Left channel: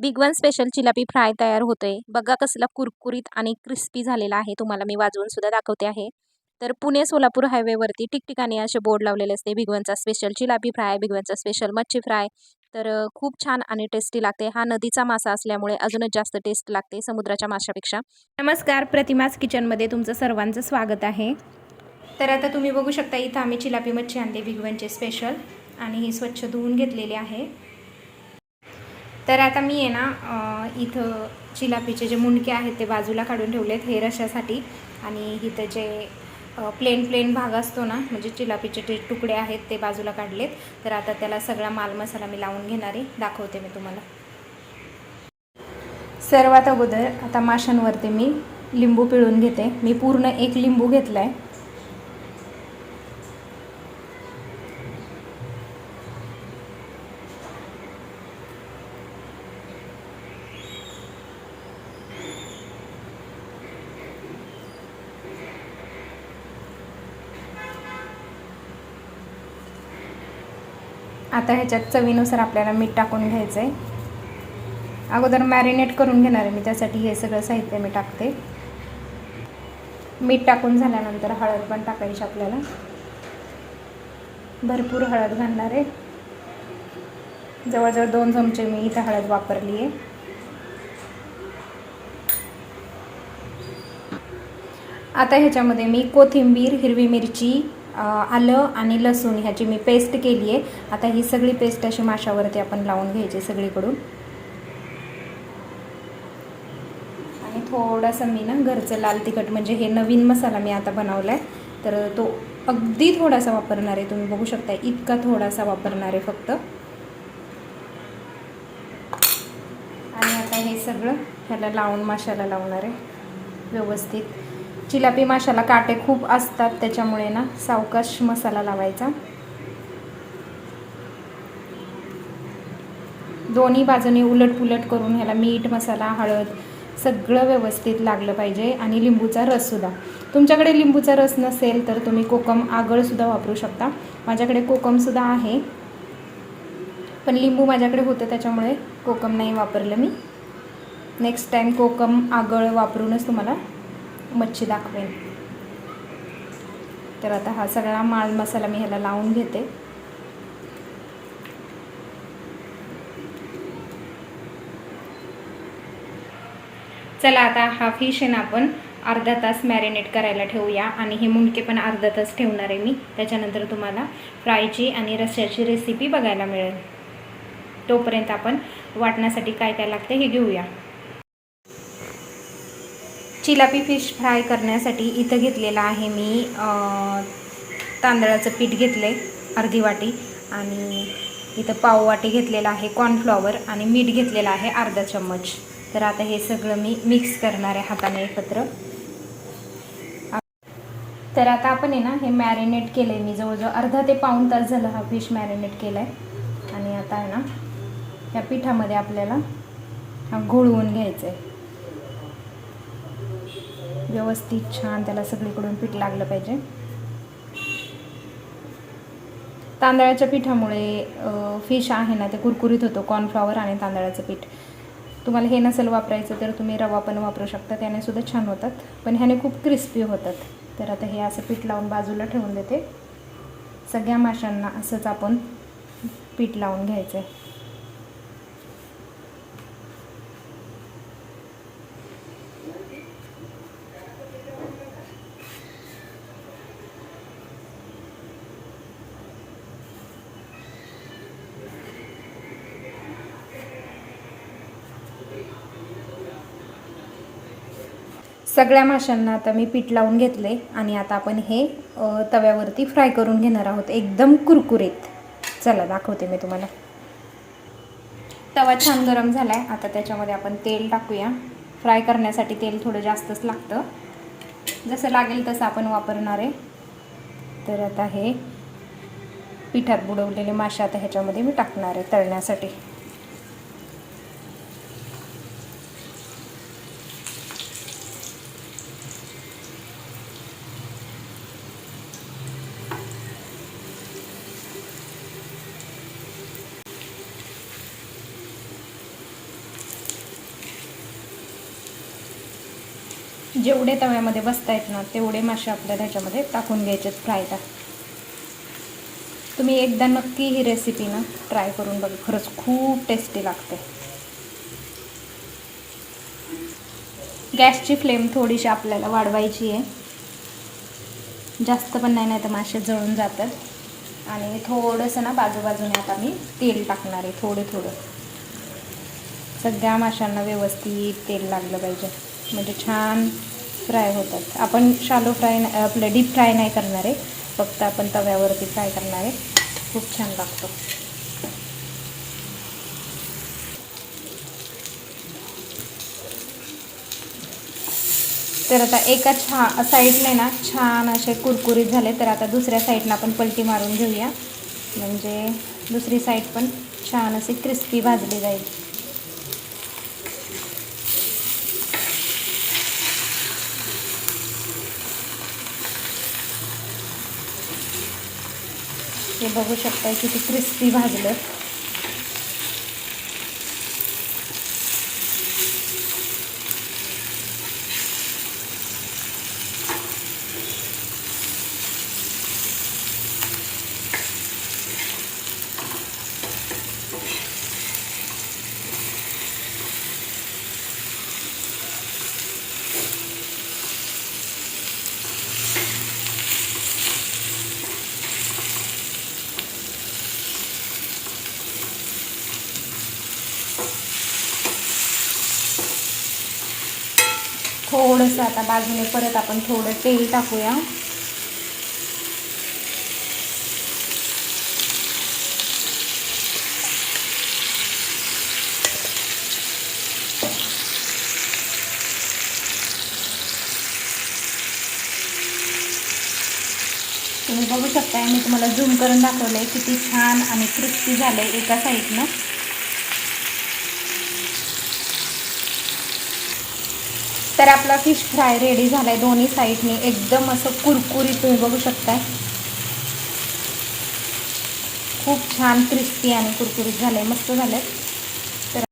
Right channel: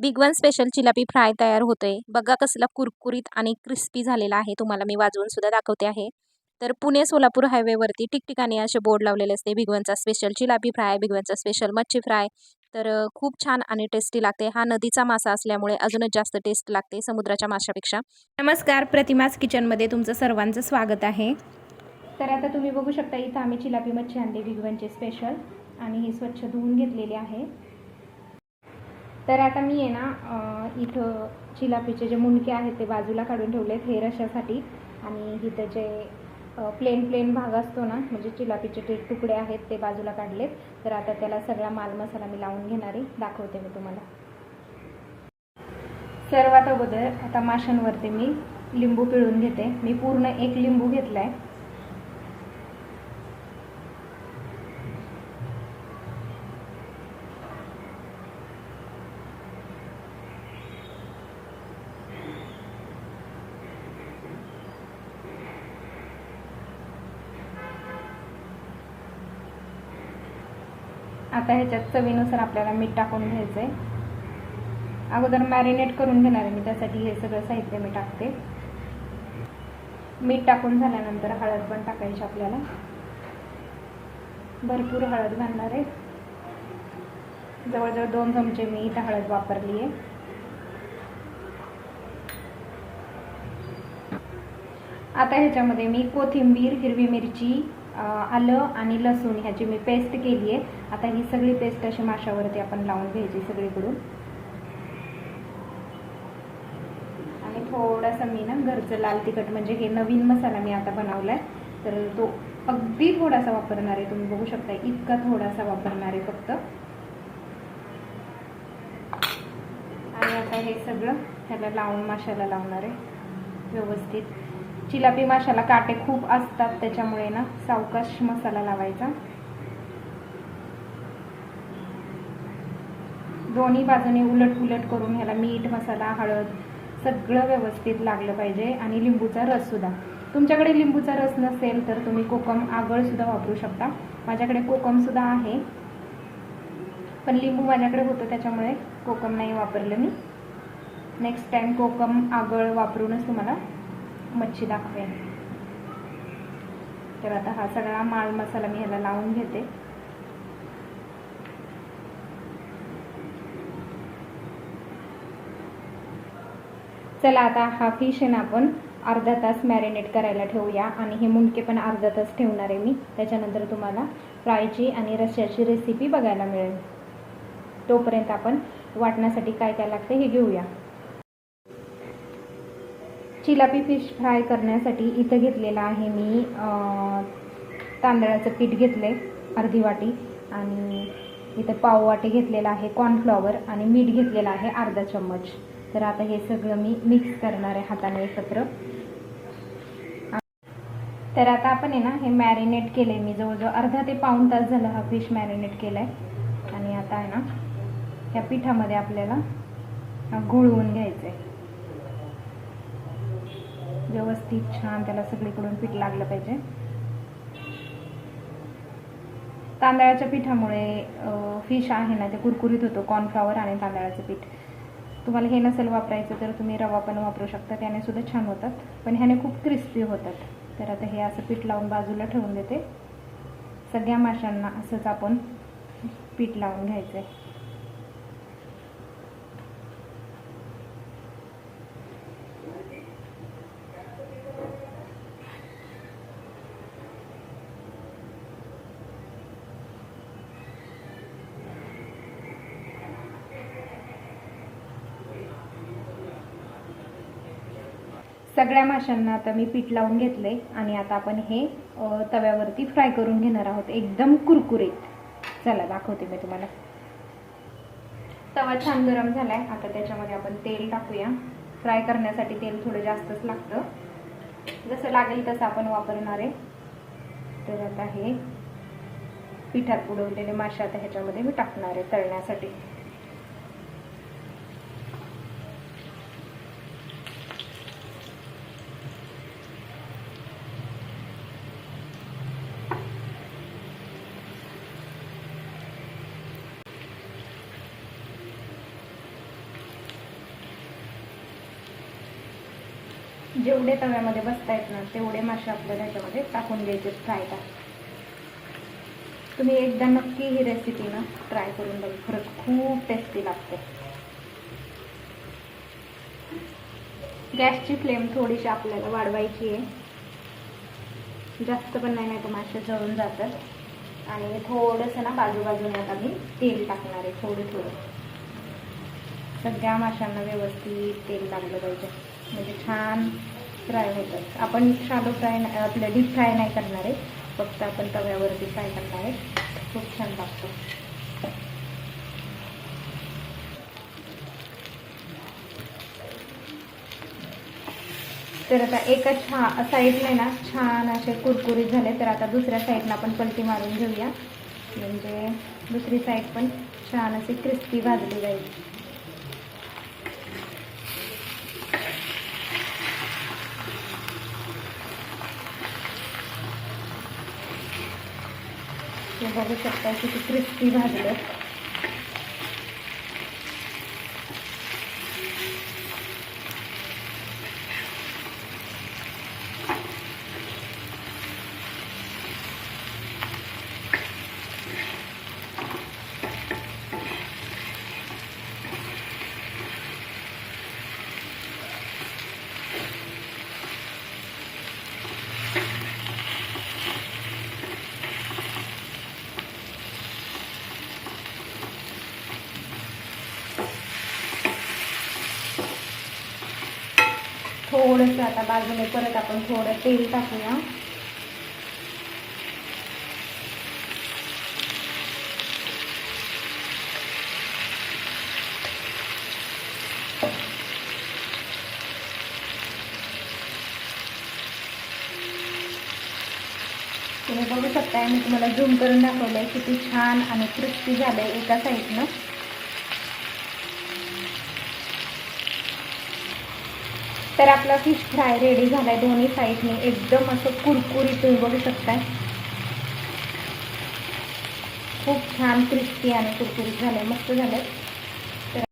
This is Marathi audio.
बिग वन स्पेशल चिलापी फ्राय तयार होतोय। बघा कसला कुरकुरीत आणि क्रिस्पी झालेला आहे। तुम्हाला मी वाजवून सुद्धा दाखवते आहे। तर पुणे सोलापूर हायवेवरती ठिकठिकाणी असे बोर्ड लावलेले असते, बिग वनचा स्पेशल चिलापी फ्राय, बिग वनचा स्पेशल मच्छी फ्राय। तर खूप छान आणि टेस्टी लागते। हा नदीचा मासा असल्यामुळे अजूनच जास्त टेस्ट लागते समुद्राच्या माशापेक्षा। नमस्कार, प्रतिमास किचनमध्ये तुमचं सर्वांचं स्वागत आहे। तर आता तुम्ही बघू शकता, इथं आम्ही चिलापी मच्छी आणली बिग वनचे स्पेशल, आणि ही स्वच्छ धुवून घेतलेली आहे। तर आता मी आहे ना इथं चिलापीचे जे मुंडके आहेत ते बाजूला काढून ठेवलेत हे रश्श्यासाठी, आणि इथं जे प्लेन भाग असतो ना, म्हणजे चिलापीचे जे तुकडे आहेत ते बाजूला काढलेत। तर आता त्याला सगळा माल मसाला मी लावून घेणार आहे, दाखवते मी तुम्हाला। सर्वात अगोदर आता माशांवरती मी लिंबू पिळून घेते। मी पूर्ण 1 लिंबू घेतला आहे। आता ह्याच्यात चवीनुसार आपल्याला मीठ टाकून घ्यायचं आहे। अगोदर मॅरिनेट करून घेणार आहे मी, त्यासाठी हे सगळं साहित्य मी टाकते। मीठ टाकून झाल्यानंतर हळद पण टाकायची आपल्याला, भरपूर हळद घालणार आहे। जवळजवळ 2 चमचे मी इथं हळद वापरली आहे। आता ह्याच्यामध्ये मी कोथिंबीर, हिरवी मिरची, आलं आणि लसूण ह्याची मी पेस्ट केली आहे। आता ही सगळी पेस्ट अशी माशावरती आपण लावून घ्यायची सगळीकडून, आणि थोडासा मी ना घरचं लाल तिखट, म्हणजे हे नवीन मसाला मी आता बनवला आहे तर तो अगदी थोडासा वापरणार आहे। तुम्ही बघू शकता इतका थोडासा वापरणार आहे फक्त। आणि आता हे सगळं ह्याला लावून माशाला लावणार आहे व्यवस्थित। चिलापी माशाला काटे खूप असतात, त्याच्यामुळे ना सावकाश मसाला लावायचा। दोन्ही बाजूने उलट करून ह्याला मीठ, मसाला, हळद सगळं व्यवस्थित लागलं पाहिजे। आणि लिंबूचा रससुद्धा, तुमच्याकडे लिंबूचा रस नसेल तर तुम्ही कोकम आगळसुद्धा वापरू शकता। माझ्याकडे कोकमसुद्धा आहे, पण लिंबू माझ्याकडे होतं त्याच्यामुळे कोकम नाही वापरलं मी। नेक्स्ट टाईम कोकम आगळ वापरूनच तुम्हाला मच्छी दाखवेन। तर आता हा सगळा माल मसाला मी ह्याला लावून घेते। चला आता हा फिश आहे ना आपण अर्धा तास मॅरिनेट करायला ठेवूया, आणि हे मुंडके पण अर्धा तास ठेवणार आहे मी। त्याच्यानंतर तुम्हाला फ्रायची आणि रश्श्याची रेसिपी बघायला मिळेल। तोपर्यंत आपण वाटण्यासाठी काय काय लागते हे घेऊया। चिलापी फिश फ्राय करण्यासाठी इथं घेतलेला आहे मी तांदळाचं पीठ घेतलं आहे अर्धी वाटी, आणि इथं पाव वाटी घेतलेला आहे कॉर्नफ्लॉवर, आणि मीठ घेतलेलं आहे अर्धा चम्मच। तर आता हे सगळं मी मिक्स करणार आहे हाताने एकत्र। तर आता आपण आहे ना हे मॅरिनेट केलं आहे मी, जवळजवळ अर्धा ते पाऊण तास झालं हा फिश मॅरिनेट केला आहे। आणि आता आहे ना ह्या पिठामध्ये आपल्याला घोळवून घ्यायचं आहे व्यवस्थित, छान त्याला सगळीकडून पीठ लागलं पाहिजे। तांदळाच्या पिठामुळे फिश आहे ना ते कुरकुरीत होतो, कॉर्नफ्लॉवर आणि तांदळाचं पीठ। तुम्हाला हे नसेल वापरायचं तर तुम्ही रवा पण वापरू शकता, त्याने सुद्धा छान होतात, पण ह्याने खूप क्रिस्पी होतात। तर आता हे असं पीठ लावून बाजूला ठेवून देते। सगळ्या माशांना असंच आपण पीठ लावून घ्यायचं आहे। सगळ्या माशांना आता मी पीठ लावून घेतले, आणि आता आपण हे तव्यावरती फ्राय करून घेणार आहोत एकदम कुरकुरीत। चला दाखवते मी तुम्हाला। तवा छान गरम झालाय, आता त्याच्यामध्ये आपण तेल टाकूया। फ्राय करण्यासाठी तेल थोडं जास्तच लागतं, जसं लागेल तसं आपण वापरणार आहे। तर आता हे पिठात बुडवलेले मासे आता ह्याच्यामध्ये मी टाकणार आहे तळण्यासाठी। जेवढे तव्यामध्ये बसतायत ना तेवढे मासे आपल्याला ह्याच्यामध्ये टाकून घ्यायचे फ्रायला. तुम्ही एकदा नक्की ही रेसिपी ना ट्राय करून बघा, खरंच खूप टेस्टी लागते. गॅसची फ्लेम थोडीशी आपल्याला वाढवायची आहे, जास्त पण नाही तर मासे जळून जातात. आणि थोडंसं ना बाजूबाजूने आता मी तेल टाकणार आहे, थोडं सगळ्या माशांना व्यवस्थित तेल लागलं पाहिजे, म्हणजे छान फ्राय होतात. आपण शालो फ्राय आपलं डीप फ्राय नाही करणार आहे, फक्त आपण तव्यावरती फ्राय करणार आहे. खूप छान लागतो. तर आता एका साईडने ना छान असे कुरकुरीत झाले, तर आता दुसऱ्या साईडला आपण पलटी मारून घेऊया, म्हणजे दुसरी साईड पण छान अशी क्रिस्पी भाजली जाईल. हे बघू शकता किती क्रिस्पी भाजले. थोडंसं आता बाजूने परत आपण थोडं तेल टाकूया. तुम्ही बघू शकता, मी तुम्हाला झूम करून दाखवलं आहे किती छान आणि क्रिस्पी झालं आहे एका साईडनं. तर आपला फिश फ्राय रेडी झाला आहे दोन्ही साईडने, एकदम असं कुरकुरीत तुम्ही बघू शकता. खूप छान क्रिस्पी आणि कुरकुरीत झालं आहे, मस्त झालं आहे.